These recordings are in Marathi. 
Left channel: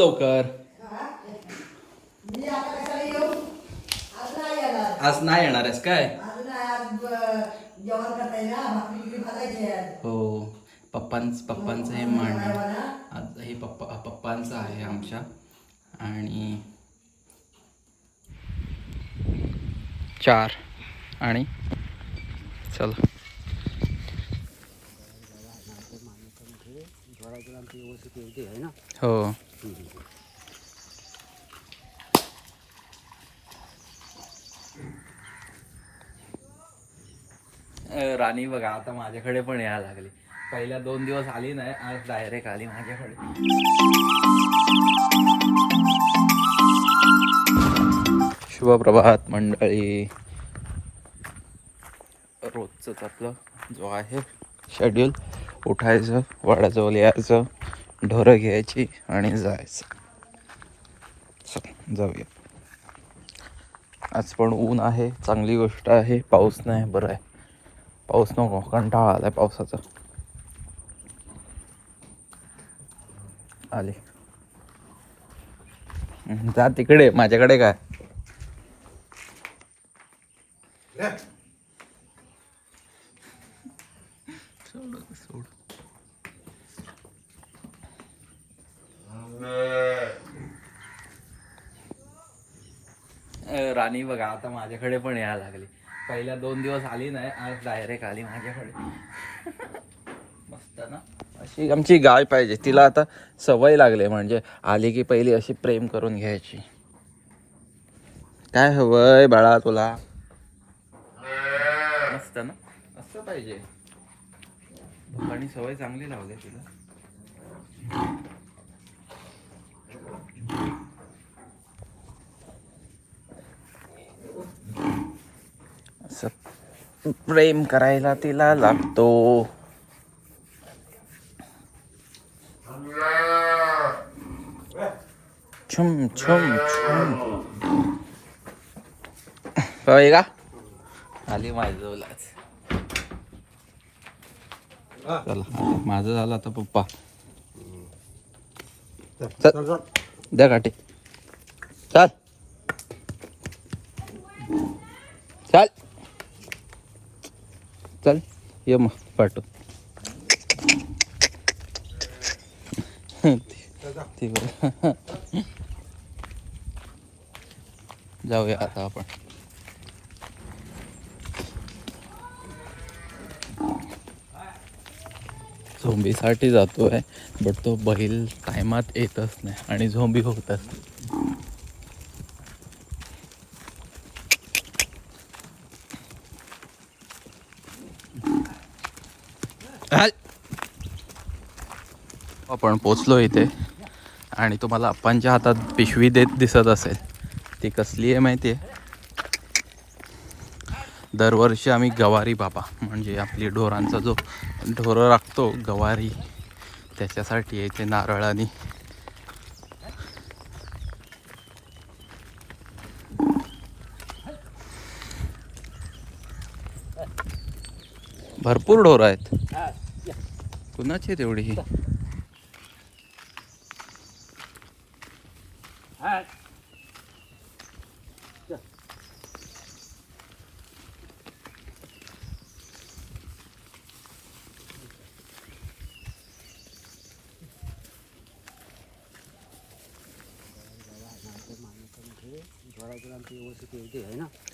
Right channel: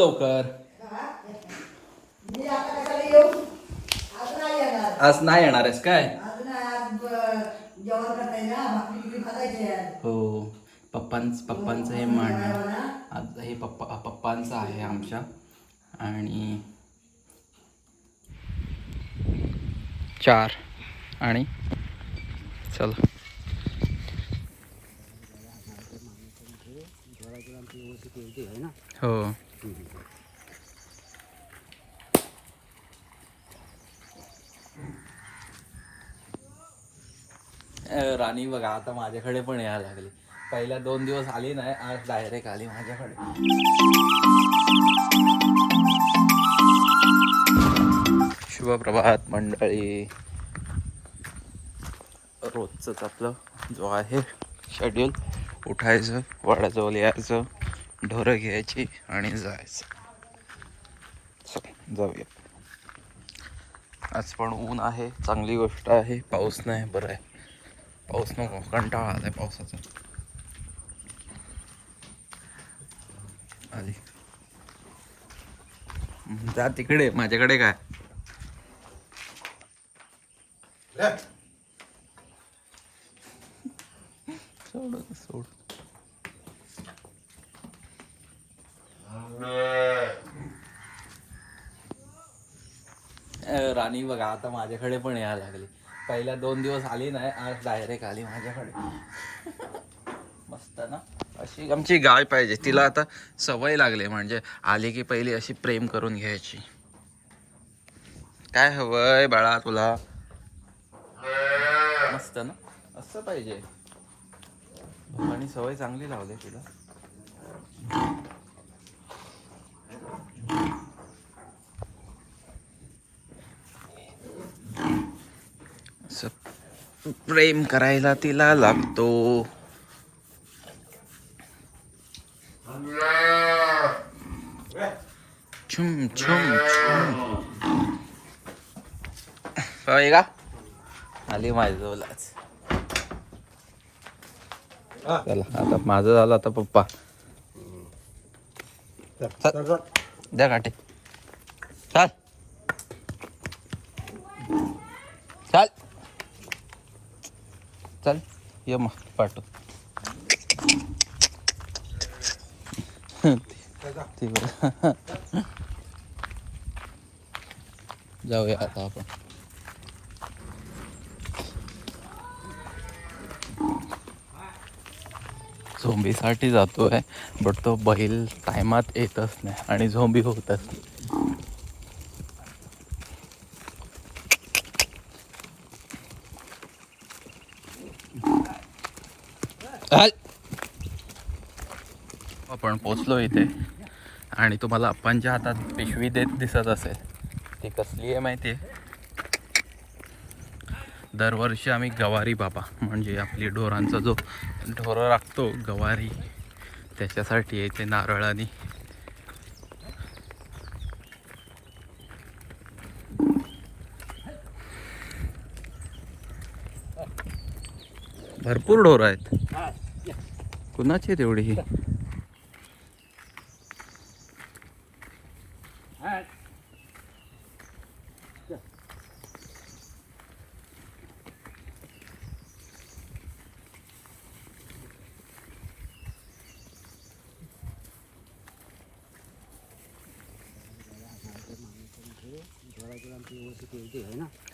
लवकर. आज नाही येणार आहेस काय? हो. पप्पांच पप्पांचं हे मांडणं आज हे पप्पा पप्पांचं आहे आमच्या. आणि चार. आणि चल. हो अ, राणी बघा आता माझ्याकडे पण यायला लागली. पहिल्या दोन दिवस आली नाही आज डायरेक्ट आली माझ्याकडे. शुभप्रभात मंडळी. रोजच आपलं जो आहे शेड्यूल उठायचं वाड्याजवळ यायचं ढोरं घ्यायची आणि जायचं. जाऊया. आज पण ऊन आहे चांगली गोष्ट आहे पाऊस नाही बरं आहे. पाऊस नको कंटाळा आलाय पावसाचा. आले. जा तिकडे माझ्याकडे काय? सोड सोड. राणी बघा आता माझ्याकडे पण यायला लागली. पहिल्या दोन दिवस आली नाही आज डायरेक्ट आली माझ्याकडे. मस्त ना? अशी आमची गाय पाहिजे. तिला आता सवय लागली म्हणजे आली की पहिली अशी प्रेम करून घ्यायची. काय हवंय बाळा तुला? मस्त ना? असं पाहिजे. आणि सवय चांगली लावली तिला. असं प्रेम करायला तिला लागतो. छुम छुम छुम. होय का? आली माझी जवळच चला आता माझं झालं आता पप्पा. द्या काठी चाल चाल चल ये मग पाठव. जाऊया आता आपण. झोंबीसाठी जातोय बट तो बैल टायमात येतच नाही आणि झोंबी होतात आपण पोचलो इथे. आणि तुम्हाला अप्पांच्या हातात पिशवी देत दिसत असेल. ती कसली आहे माहिती आहे दरवर्षी आम्ही गवारी बाबा म्हणजे आपली ढोरांचा जो ढोरं राखतो गवारी त्याच्यासाठी येते नारळाने. भरपूर ढोरं आहेत. कुणाची आहे तेवढी ही?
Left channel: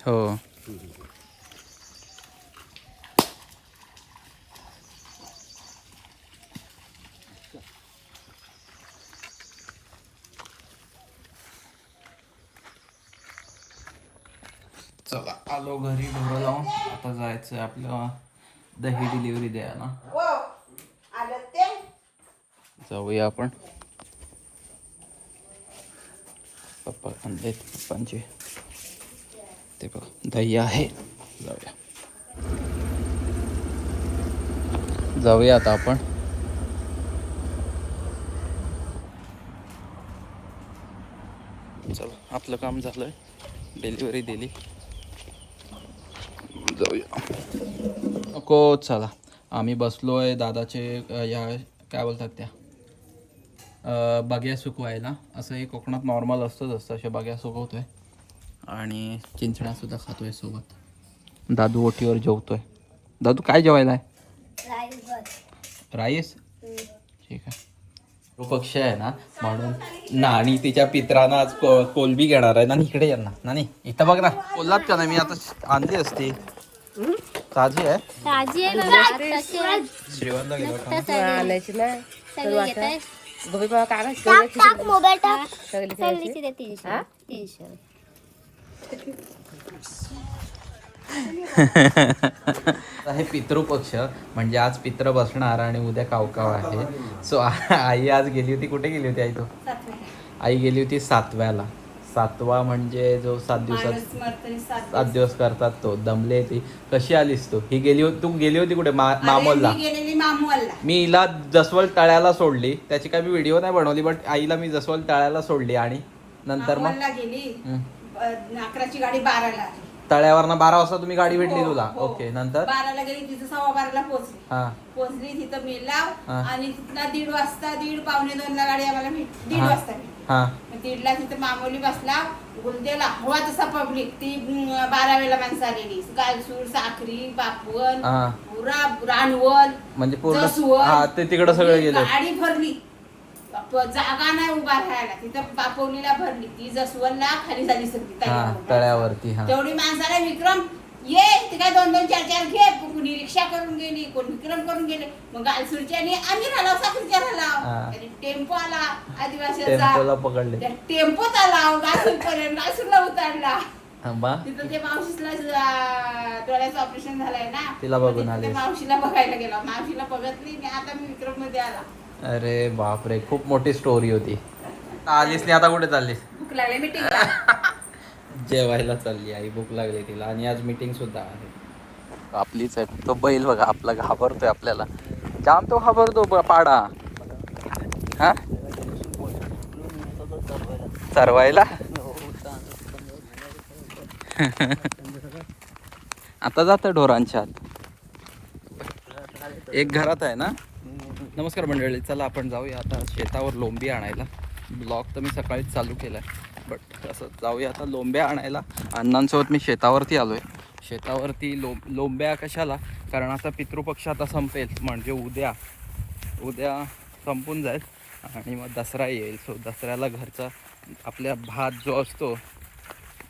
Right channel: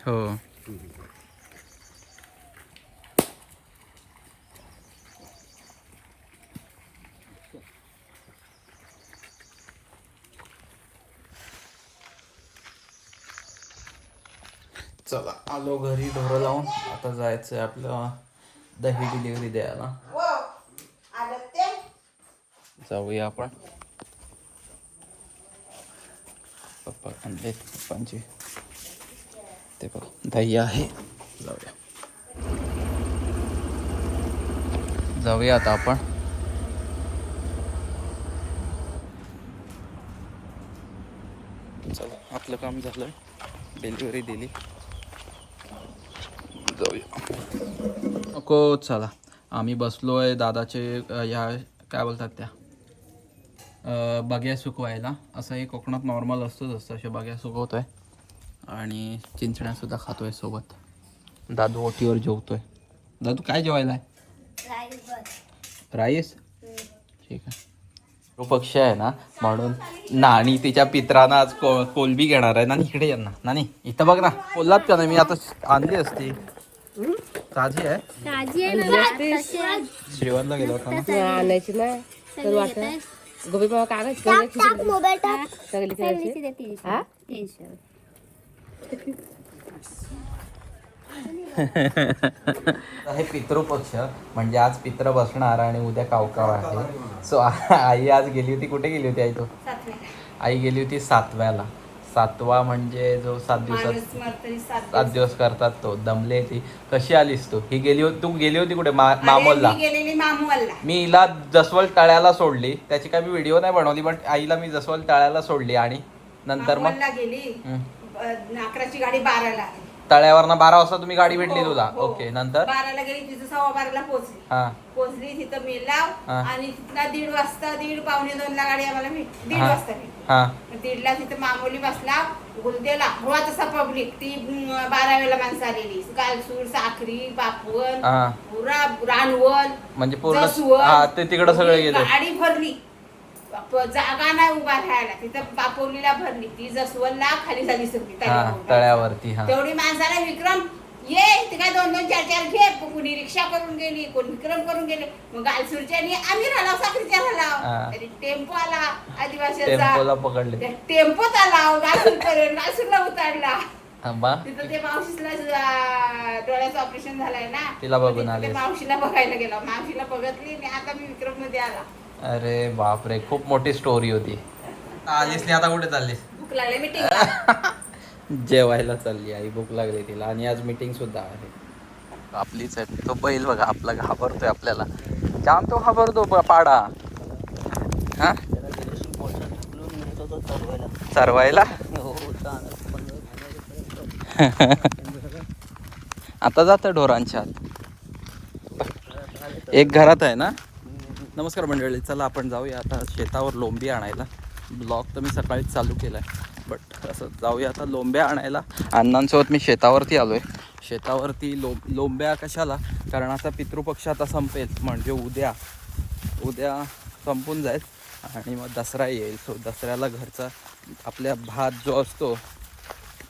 हो. चला आलो घरी ढोरं लावून. आता जायचं आहे आपलं दही डिलिव्हरी द्यायला. जाऊया आपण. पप्पा आणले पप्पांचे ते बघ दही आहे जाऊया जाऊया आता आपण चला आपलं काम झालंय। डिलिव्हरी दिली। जाऊया नको चला। आम्ही बसलो आहे दादाचे या काय बोलतात त्या? बग्या सुकवायला. असं हे कोकणात नॉर्मल असतंच असतं अशा बग्या सुकवतोय. आणि चिंचण्या सुद्धा खातोय सोबत. दादू ओटीवर जेवतोय. दादू काय जेवायला आहे? राईस. ठीक आहे. तो पक्ष आहे ना म्हणून नानी तिच्या पित्रांना आज को कोलबी घेणार आहे. ना इकडे ये ना. नानी इथं बघ ना. बोललात का नाही? मी आता आणली असती. ताजी आहे. आहे श्रीवरला गेलो आणायची नाही घेताय. गोबी बाबा काय टाक टाक मोबाईल टाक. सगळी सगळीचे ते तीनशे. तीनशे. हे पितृपक्ष म्हणजे आज पित्र बसणार आणि उद्या कावकाव आहे. सो आई आज गेली होती. कुठे गेली होती आई तू? आई गेली होती सातव्याला. सातवा म्हणजे जो सात दिवसात सात दिवस. करतात तो दमले ती. कशी आलीस तू? ही गेली होती तू गेली होती कुठे? मा- मामोलला? मी हिला जसवल तळ्याला सोडली. त्याची काय मी व्हिडिओ नाही बनवली बट आईला मी जसवल तळ्याला सोडली आणि नंतर मग गेली. अकराची गाडी बाराला आली. तळ्यावरनं बारा वाजता तुम्ही गाडी भेटली तुला हो, हो. ओके नंतर? बाराला गेली तिथं सव्वा बाराला पोहोचली. हा. पोहोचली तिथं मेलाव हा. आणि तिथं दीड वाजता दीड पावणे दोनला गाडी आम्हाला दीड हा. वाजता भेटली. हा. मग दीडला तिथं मामोली बसला गुलदेला हवा तसा पब्लिक ती बारावेला माणसं आलेली. गालसूर साखरी बापवन हा. पुरा रानवल म्हणजे पूर्ण जसवल ते तिकडे सगळे गेले. गाडी भरली. प- जागा नाही उभा राहायला. तिथं बापवलीला भरली. ती जसवलला खाली झाली सगळी हा तळ्यावर. तळ्यावरती हा. तेवढी माणसाने विक्रम ये ते काय दोन दोन चार चार घे. कुणी रिक्षा करून गेली कोण विक्रम करून गेले. मग गालसूरच्या आणि आम्ही राहिलो साखरीच्या हा. राहिला तरी टेम्पो आला आदिवासीचा. टेम्पोला पकडले. त्या टेम्पोत आला गालसूर पर्यंत गालसूरला उतारला. थांबा. तिथं ते मावशीला डोळ्याचं ऑपरेशन झालंय ना. तिला बघून मग तिथं. ते मावशीला बघायला गेला. मावशीला बघितली आणि आता मी विक्रममध्ये आला. अरे बापरे खूप मोठी स्टोरी होती. आलीस नाही आता कुठे चाललीस? भूक लागली मीटिंग जेवायला चालली आई भूक लागली तिला. आणि आज मीटिंग सुद्धा आहे. आपलीच आहे. तो बैल बघा आपला घाबरतोय आपल्याला. जाम तो घाबरतो ब- पाडा. हा? चरवायला? आता जातं ढोरांच्या आत. एक घरात आहे ना? नमस्कार मंडळी चला आपण जाऊया आता शेतावर लोंबी आणायला. ब्लॉग तर मी सकाळीच चालू केला आहे बट असं जाऊया आता लोंब्या आणायला. अण्णांसोबत मी शेतावरती आलो आहे शेतावरती लो लोंब्या कशाला? कारण आता पितृपक्ष आता संपेल. म्हणजे उद्या. उद्या संपून जाईल. आणि मग दसरा येईल. सो दसऱ्याला घरचा आपल्या भात जो असतो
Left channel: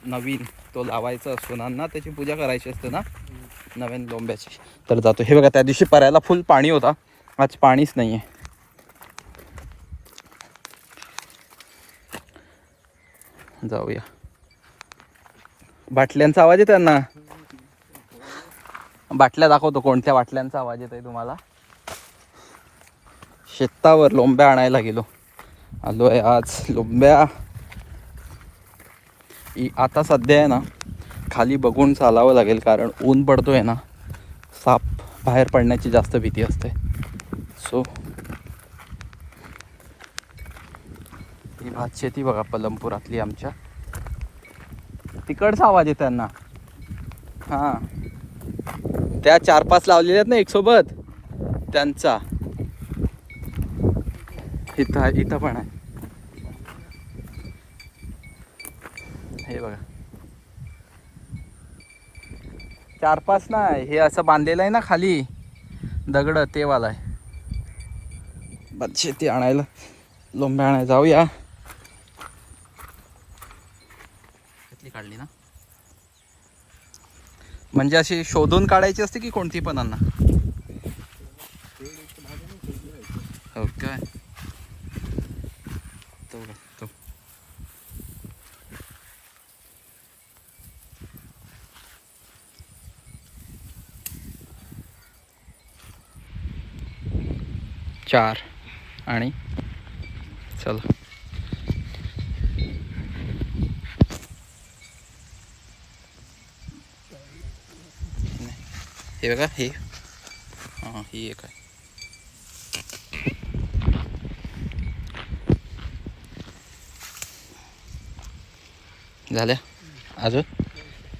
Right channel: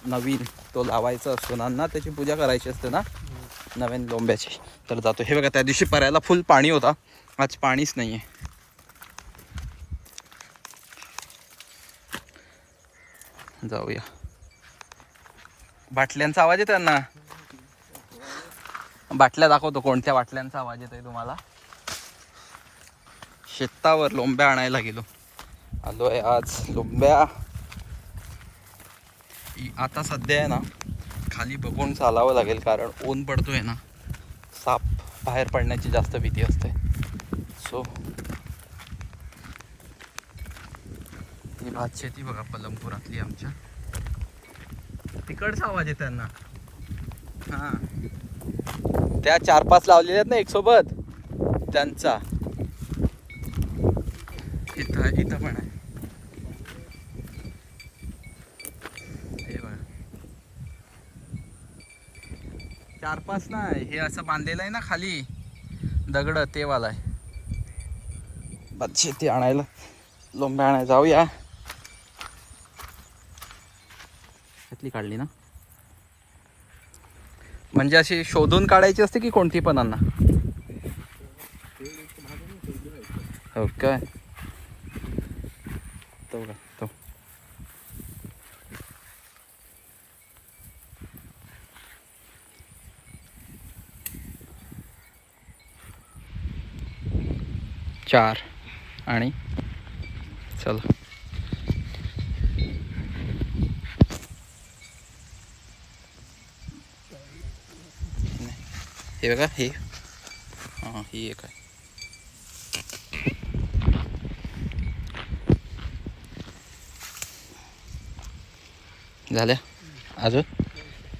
नवीन तो लावायचा असतो ना त्याची पूजा करायची असते ना? नवीन लोंब्याची. तर जातो. हे बघा त्या दिवशी परायला फुल पाणी होता. आज पाणीच नाही आहे जाऊया. बाटल्यांचा आवाज येतोय ना? बाटल्या दाखवतो कोणत्या बाटल्यांचा आवाज येतोय तुम्हाला. शेतावर लोंब्या आणायला गेलो. आलो आहे आज लोंब्या. आता सध्या आहे ना खाली बघून चालावं लागेल कारण ऊन पडतोय ना. साप बाहेर पडण्याची जास्त भीती असते. सो भात शेती बघा पलमपुरातली आमच्या. तिकडचा आवाज आहे त्यांना. हां. त्या चार पाच लावलेल्या आहेत ना एक सोबत त्यांचा. इथं इथं पण आहे. हे बघा. चार पाच नाही हे असं बांधलेलं आहे ना खाली. दगड ते वाला आहे शेती आणायला. लोंब्या आणायला जाऊया. त्यातली काढली ना? म्हणजे अशी शोधून काढायची असते की कोणती पण अन्ना हो काय? तो तो. चार आणि चला. हे बघा हे हाँ ही एक आहे झाल्या अजून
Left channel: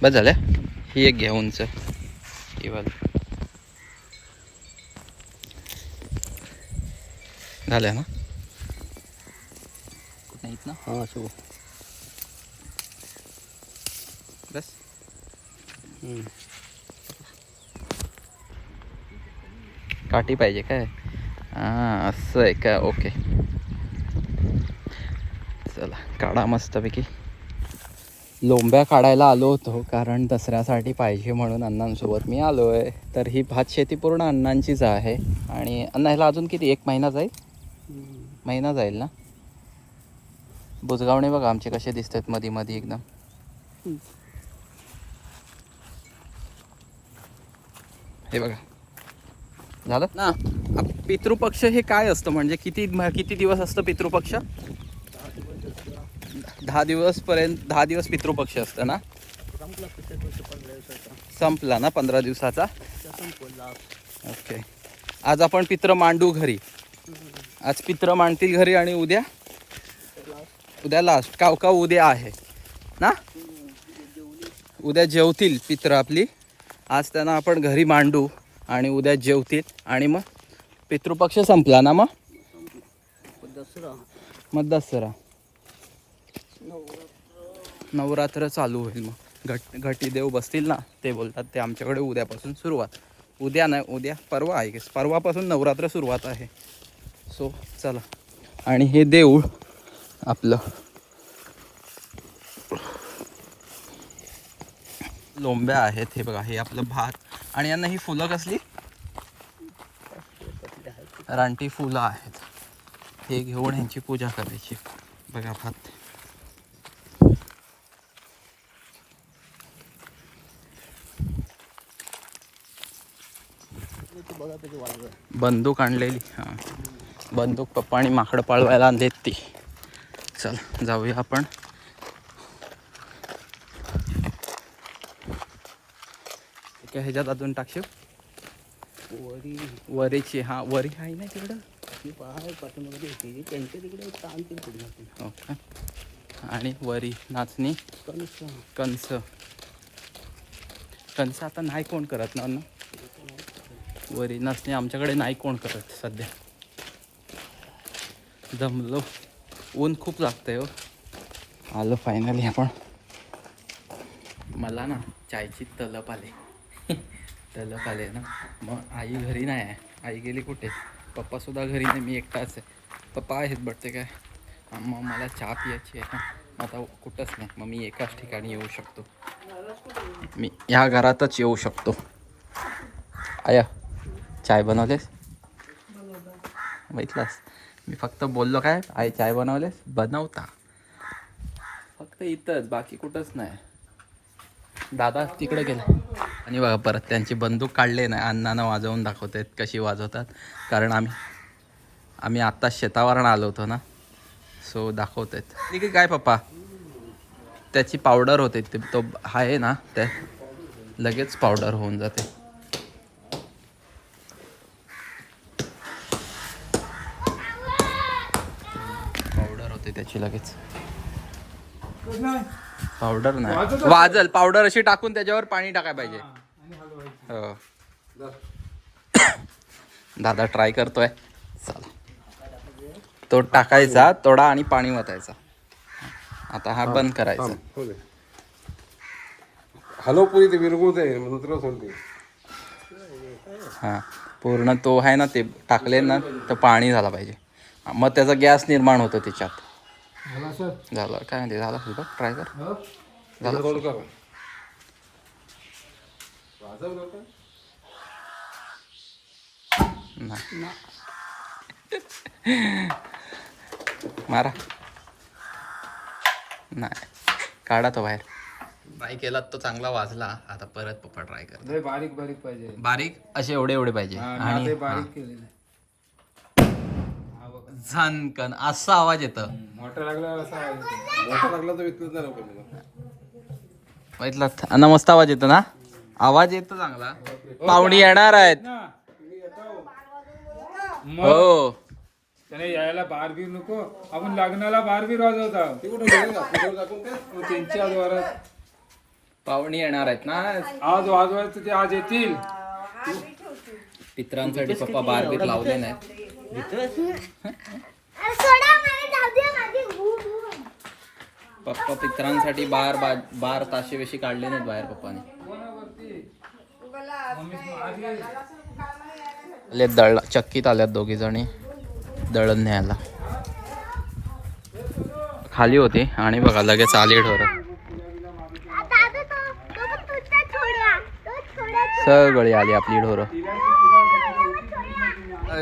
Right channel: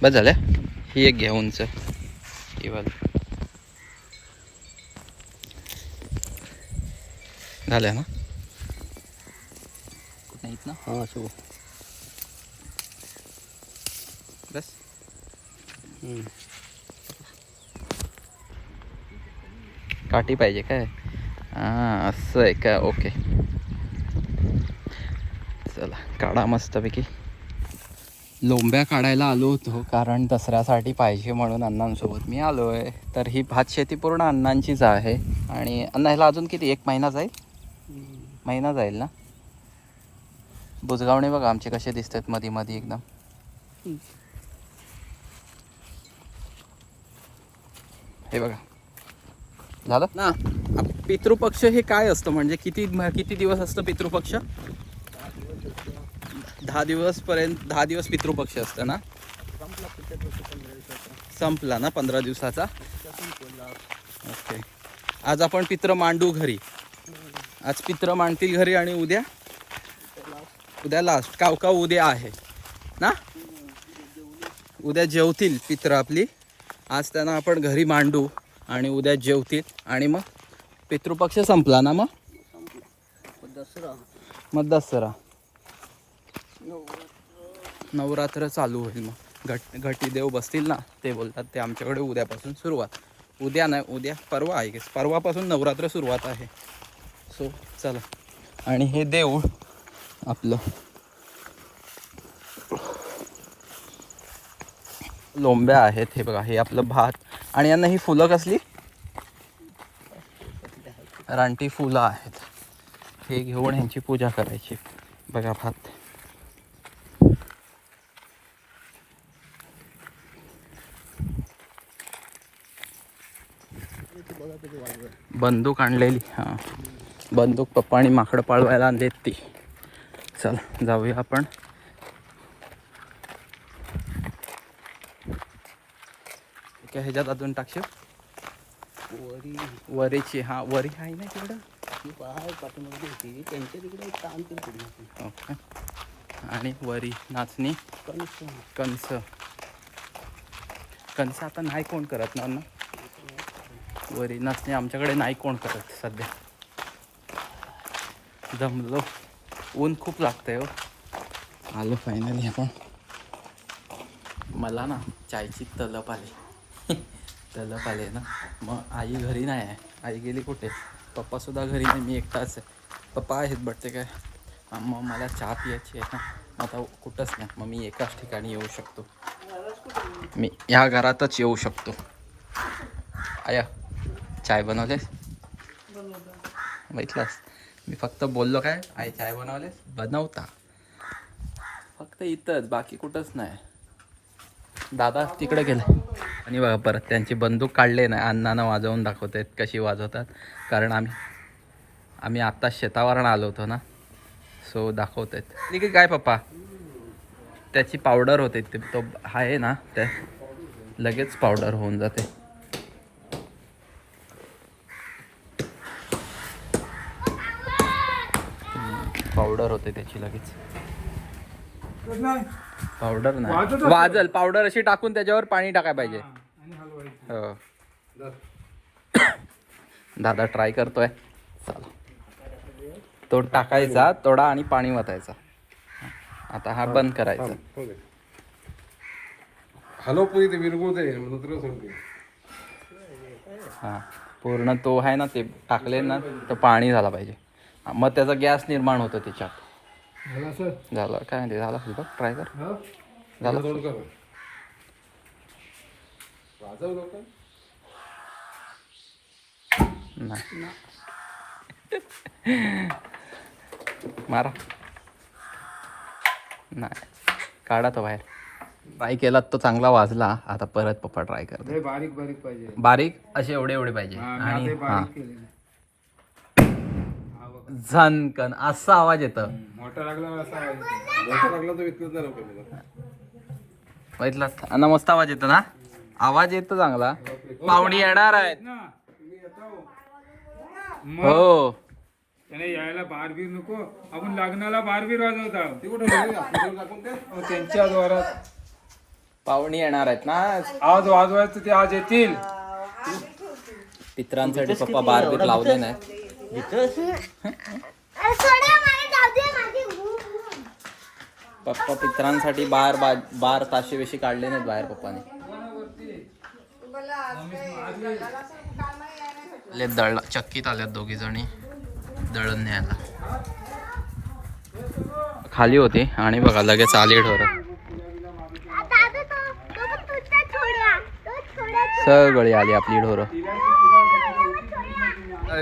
बस झाल्या ही एक घ्या उंच ही वाली। झाल्या ना? हाँ शो बस। काठी पाहिजे काय? हां असं आहे काय ओके. चला काढा मस्तपैकी. लोंब्या काढायला आलो होतो कारण दसऱ्यासाठी पाहिजे म्हणून अण्णांसोबत मी आलो आहे तर ही भात शेती पूर्ण अण्णांचीच आहे. आणि अण्णा ह्याला अजून किती? एक महिना जाईल? महिना जाईल ना? बुजगावणे बघा आमचे कसे दिसतात मध्ये मध्ये एकदम. हे बघा. झालं? ना पितृपक्ष हे काय असतं? म्हणजे किती म- किती दिवस असतं पितृपक्ष? दहा दिवसपर्यंत दहा दिवस पितृपक्ष असतं ना? संपला ना पंधरा दिवसाचा? ओके. आज आपण पित्र मांडू घरी. आज पित्र मांडतील घरी आणि उद्या? उद्या लास्ट काव काव उद्या आहे. ना? उद्या जेवतील पित्र आपली. आज त्यांना आपण घरी मांडू. आणि उद्या जेवतील. आणि मग पितृपक्ष संपला ना मग? दसरा. मग दसरा. नवरात्र. चालू होईल मग. घट घटी देव बसतील ना? ते बोलतात ते आमच्याकडे उद्यापासून सुरुवात. उद्या नाही उद्या परवा आहे. गेस परवापासून नवरात्र सुरुवात आहे. सो चला. आणि हे देऊळ आपलं. लोंब्या आहेत हे बघा. हे आपलं भात. आणि यांना ही फुलं कसली? रानटी फुलं आहेत. हे घेऊन ह्यांची पूजा करायची. बघा भात. बंदूक आणलेली. हां. बंदूक पप्पा आणि माकडं पाळवायला आणलेत ती. चल जाऊया आपण. काय ह्याच्यात अजून टाकशील? वरी. वरीची हां वरी आहे ना तिकडं? ती आहे पाठीमध्ये होती त्यांच्या तिकडे पुढे ओके. आणि वरी नाचणी? कणस. कंस कंस आता नाही कोण करत ना अण्णा? वरी नाचणी आमच्याकडे नाही कोण करत सध्या. जमलो. ऊन खूप लागतंय हो. आलो फायनली आपण. मला ना चायची तलप आली. तलप आले ना. मग आई घरी नाही आहे. आई गेली कुठे? पप्पासुद्धा घरी नाही. मी एकटाच आहे. पप्पा आहेत बट ते काय? मग मला चहा पियाची आहे ना. आता कुठंच नाही. मग मी एकाच ठिकाणी येऊ शकतो. मी ह्या घरातच येऊ शकतो. आया चाय बनवलेस? बघितलास? मी फक्त बोललो काय? आई चाय बनवलेस? बनवता. फक्त इथंच. बाकी कुठंच नाही. दादा तिकडे गेले. आणि बघा परत त्यांची बंदूक काढले नाही अण्णांना वाजवून दाखवत आहेत कशी वाजवतात. कारण आम्ही आम्ही आत्ता शेतावरून आलो होतो ना. सो दाखवत. आहेत ठीक आहे काय पप्पा? त्याची पावडर होते ते तो आहे ना ते लगेच पावडर होऊन जाते. पावडर होते त्याची लगेच. पावडर नाही. वाजल पावडर अशी टाकून त्याच्यावर पाणी टाकाय पाहिजे. हो. दादा ट्राय करतोय. चला. तो टाकायचा तोडा आणि पाणी वतायचा. आता हा बंद करायचा. हॅलो पुरी ते विरगुळ आहे तुला सांगते हां. पूर्ण तो आहे ना ते टाकले ना तर पाणी झाला पाहिजे. हा, मग त्याचा गॅस निर्माण होतो त्याच्यात. झालं काय म्हणते? झालं बघ ट्राय कर. झालं. वाजवलं का? नाही. मारा. नाही. काढा तो बाहेर. ट्राय केला तो चांगला वाजला. आता परत पप्पा ट्राय कर हे बारीक बारीक पाहिजे. बारीक असे एवढे एवढे पाहिजे. हा, आणि हा झनकन असा आवाज येतं. मोठा लागला असा. मोठा लागला तर बघितलं? मस्त आवाज येतो ना? आवाज येतो चांगला. पाहुणी येणार आहेत. ना मी येतो. हो. त्याने यायला बार बीर नको. आपण लग्नाला बार बीर वाजवता. ते कुठे त्यांच्या द्वारात. पाहुणी येणार आहेत ना आज? वाजवायचं ते आज येतील. पित्रांसाठी पप्पा बारबीर लावले नाही पप्पा पित्रांसाठी बार बा बार ताशे काढले नाहीत बाहेर पप्पाने. आले दळ चक्कीत आल्यात दोघी जणी. दळण न्यायला. खाली होती आणि बघा लगेच आली ढोर. सगळी आली आपली ढोरं.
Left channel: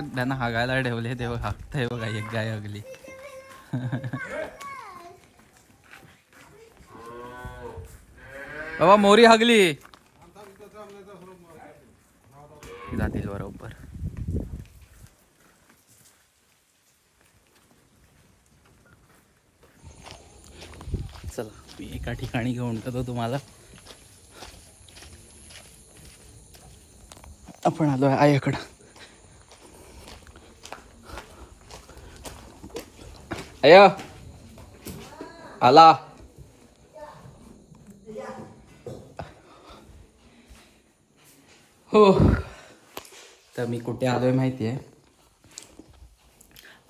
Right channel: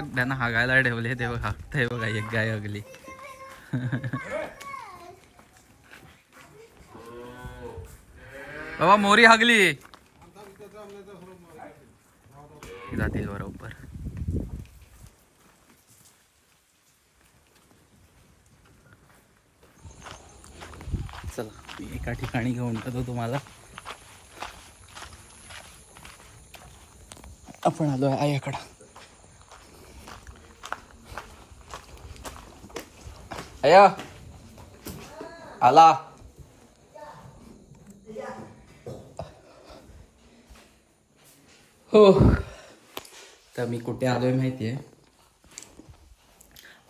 त्यांना हागायला ठेवले ते बघ हागतंय बघा एक गाय हगली. बाबा मोरी हगली. जातील बरोबर. चला मी एका ठिकाणी घेऊन जातो तुम्हाला. आपण आलोय आईकडं. आया आला हो तर मी कुठे आलोय माहिती आहे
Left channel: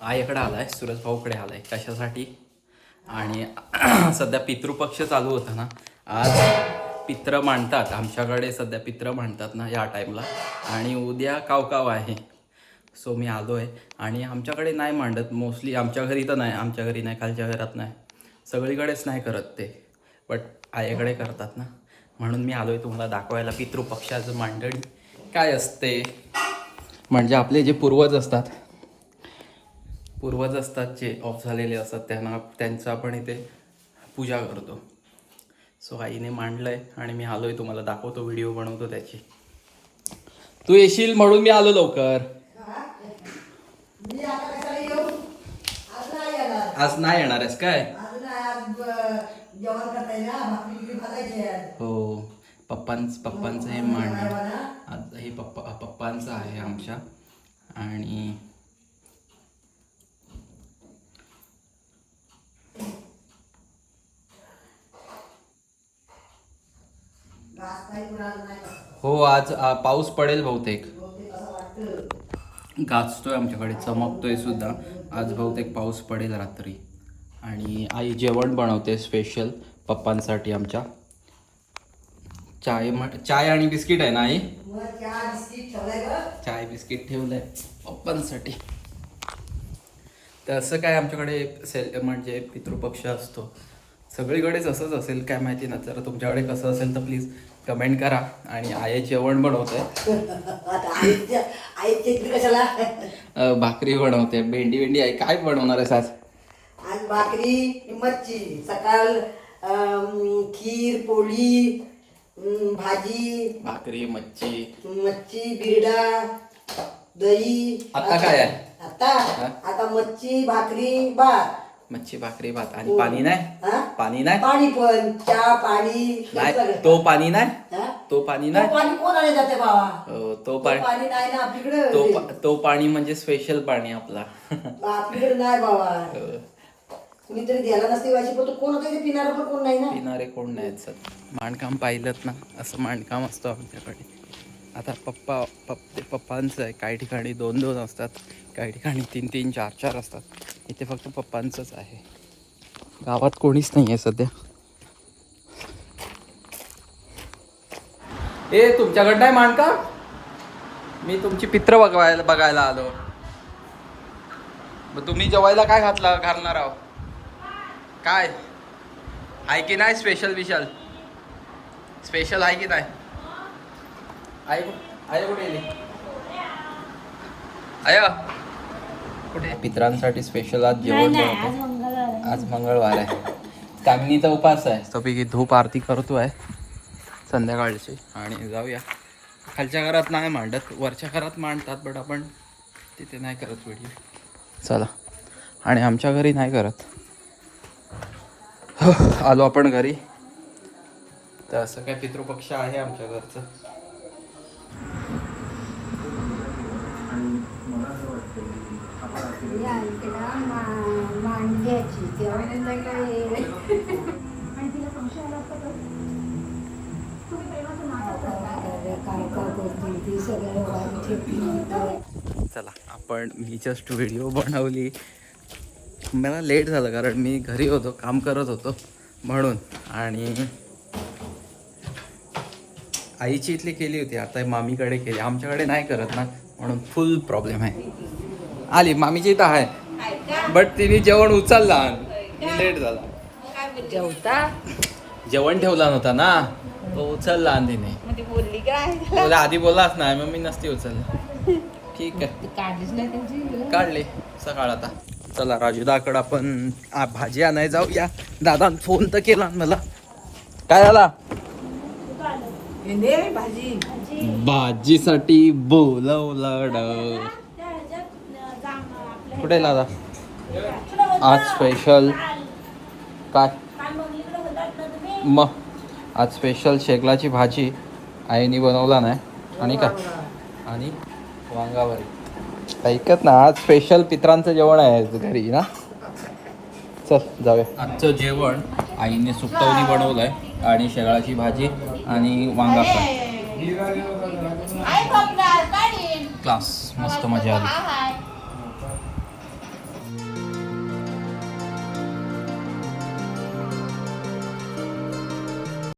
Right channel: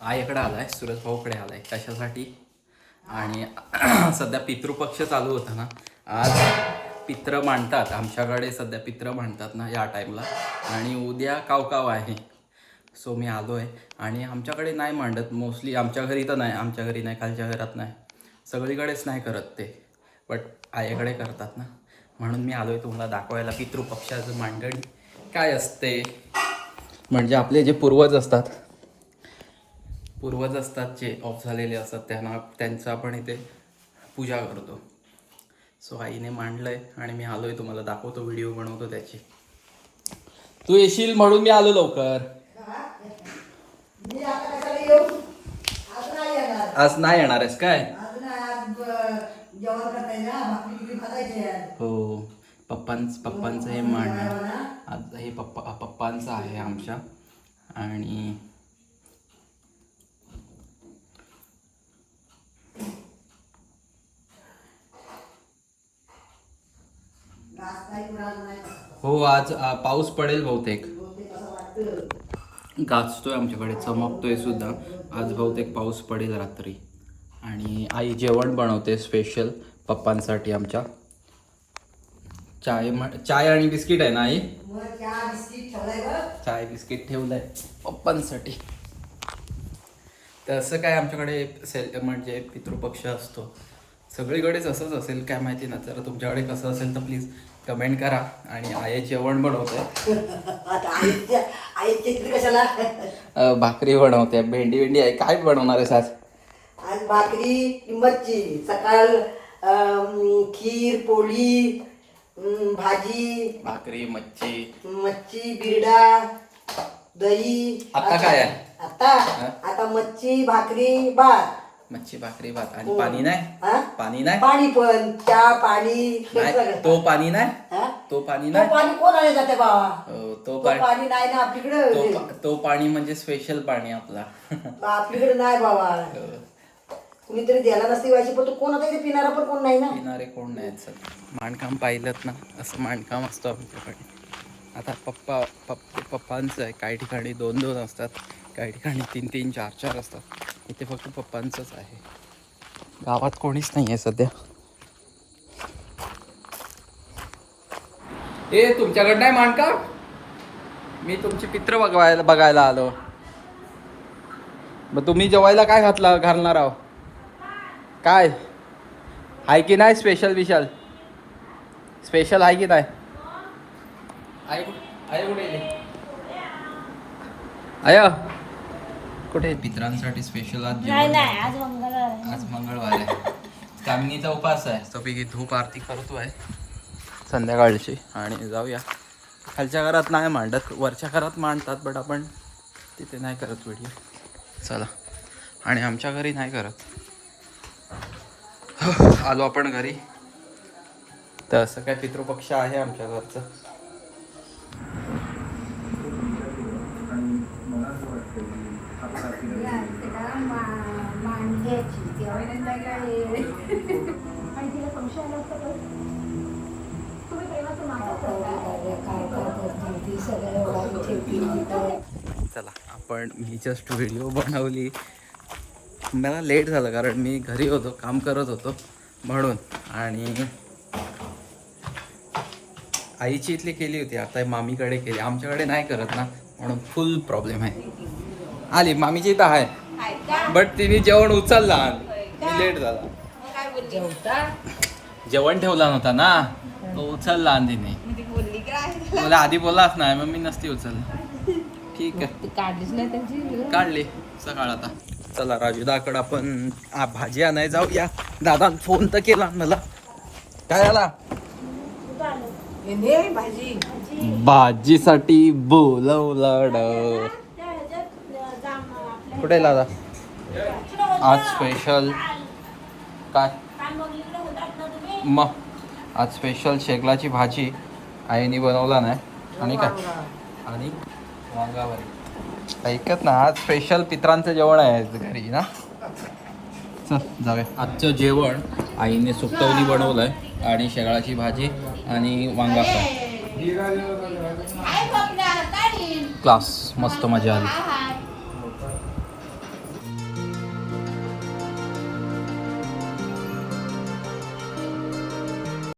आईकडे आलाय सूरज भाऊकडे आलाय कशासाठी आणि सध्या पितृपक्ष चालू होता ना आज पित्र मांडतात आमच्याकडे सध्या पित्र मांडतात ना या टाईमला आणि उद्या कावकाव आहे सो मी आलो आहे आणि आमच्याकडे नाही मांडत. मोस्टली आमच्या घरी तर नाही. आमच्या घरी नाही खालच्या घरात नाही. सगळीकडेच नाही करत ते. बट आईकडे करतात ना. म्हणून मी आलो आहे तुम्हाला दाखवायला. पितृपक्षाचं मांडणी काय असते? म्हणजे आपले जे पूर्वज असतात पूर्वज असतात जे ऑफ झालेले असतात त्यांना त्यांचं आपण इथे पूजा करतो. सो आईने मांडलं आहे आणि मी आलो आहे तुम्हाला दाखवतो. व्हिडिओ बनवतो त्याची. तू येशील म्हणून मी आलो लवकर. मी आता कशाला येऊ? आज नाही येणार. आज नाही येणार आहेस काय? आज नाही आज ब- जेवण करताय ना भाकरी बिकरी खायची आहे. हो पप्पांच पप्पांचं हे मांडणं आज हे पप्पा पप्पांचं आहे आमच्या. आणि घास काही कुणाला नाही. हो आज आ, पाऊस पडेल बहुतेक. बहुतेक असं वाटतं गाजतोय आमच्याकडे चमकतोय सुद्धा. आज बहुतेक पाऊस पडेल रात्री. आणि आई जेवण बनवते स्पेशल पप्पांसाठी आमच्या. चाय म चाय आणि बिस्किट आहे ना आई? चाय बिस्किट ठेवलं आहे पप्पांसाठी. तर असं काय आमच्याकडे सेल म्हणजे पितृपक्ष असतो. सगळीकडेच असंच असेल काय माहिती ना. तर तुमच्याकडे कसं असेल तर प्लीज कमेंट करा. आणि आई जेवण बनवते. इकडे कशाला? अ, भाकरी बनवते. भेंडी भेंडी आहे. काय बनवणार आहेस आज? आज भाकरी मच्छी सकाळ खीर पोळी भाजी भाकरी मच्छी. मच्छी बिरडा दही. आता काय आहे? आता? आता मच्छी भाकरी भात. मच्छी भाकरी भात. आणि पाणी नाही? हा? पाणी नाही? पाणी पण चहा पाणी नाही. तो पाणी नाही? हा? तो पाणी तो नाही? पाणी कोण आले जाते बाबा? तो तो पाणी नाही ना तो आपलीकडे पा- तो पाणी म्हणजे स्पेशल पाणी आपला. आपलीकडे नाही बाबा. कुणीतरी द्यायला नसते व्हायची पण तो कोण आता पिणारा पण कोण नाही ना? पिणारे कोण नाहीत सर. मांडकाम पाहिलं ना असं मांडकाम असतं आमच्याकडे. आता पप्पा पप्प पप्पांचं आहे. काही ठिकाणी दोन दोन असतात. काही ठिकाणी तीन तीन चार चार असतात. इथे फक्त पप्पांचंच आहे. गावात कोणीच नाही आहे सध्या. ए तुमच्याकडं नाही मानका? मी तुमची पित्र बघवायला बघायला आलो. मग तुम्ही जेवायला काय घातला घालणार आहो? काय? आहे की नाही स्पेशल विशाल? स्पेशल आहे की नाही? आहे कु- आहे कुठे आय. कुठे? पित्रांसाठी स्पेशल आज जेवण बनवतं. आज मंगळवार आहे. कामिनीचा उपास आहे. सपैकी धूप आरती करतोय संध्याकाळची. आणि जाऊया. खालच्या घरात नाही मांडत. वरच्या घरात मांडतात बट आपण तिथे नाही करत व्हिडिओ चला. आणि आमच्या घरी नाही करत. आलो आपण घरी. तर असं काय पितृपक्ष आहे आमच्या घरचं? चला आपण मी जस्ट व्हिडिओ बनवली. मला लेट झालं कारण मी घरी होतो काम करत होतो म्हणून. आणि आईची इथली केली होती आता मामीकडे केली. आमच्याकडे नाही करत ना म्हणून फुल प्रॉब्लेम आहे. आली मामीची इथं आहे. काय बट तिने जेवण उचलला लेट झाला. मग काय बोलली? जेवण ठेवला नव्हता ना. तो उचलला आणि तिने म्हणजे बोलली काय? बोला आधी बोलाच नाही मग मी नसती उचलला. ठीक आहे. काढलीच नाही त्यांची काढली सकाळ आता. चला राजूदाकडं आपण आ, भाजी आणाय जाऊया. दादा फोन तर केला मला. काय झाला? भाजी. भाजीसाठी बोलवलं कुठे दादा? आज स्पेशल काय मग आज स्पेशल शेगलाची भाजी आईने बनवला नाही आणि का आणि वांगाभरी ऐकत ना आज स्पेशल पित्रांचं जेवण आहे घरी ना चल जाऊया आजचं जेवण आईने सुकटवणी बनवलंय आणि शेगळाची भाजी आणि वांगा फ्राय आहे. क्लास मस्त मजा आली